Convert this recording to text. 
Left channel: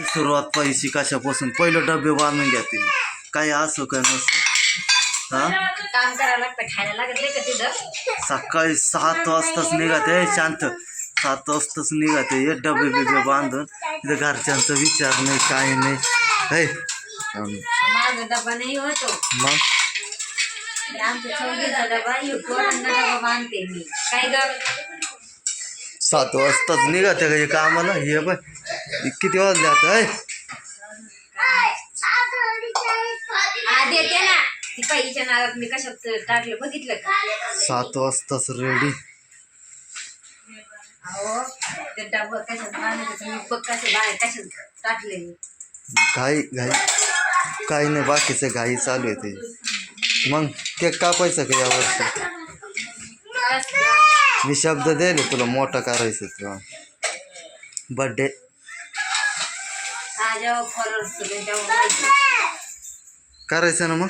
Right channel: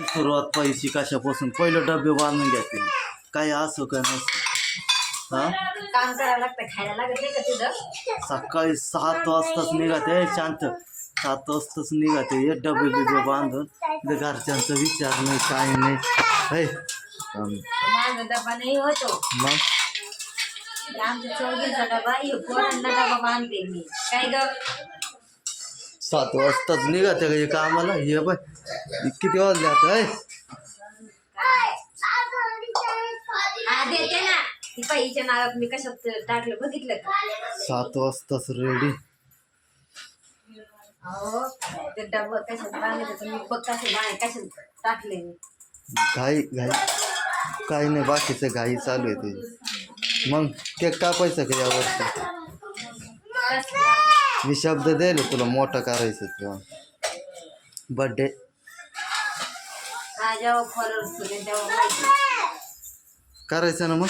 ती सुरुवात पाहिजे कशापासून? पहिलं डबे बांधून घ्या काही असो का नसो. हा? काम करावं लागतं खायला लागत नाही का तिथं? सकाळी सात वाजताच निघाते शांत. सात वाजताच निघाते हे डबे बिबे बांधून घरच्यांचा विचार नाही काही नाही. है माझा डबा नाही होतो मग? आमच्या चौघीचा डबा हे पोरांना डबा बांधते मी. काय ग? सात वाजताच निघाते का हे कामाला? हे बाय किती वाजले आता हा का? सात वाजताच रेडी घाई घाई. काही नाही बाकीचं घाई चालू आहे ते. मग केक कापायचं का यावर्षी? मी शब्द दिले तुला मोठा करायचं बड्डे तुले माहिती. करायचं ना मग?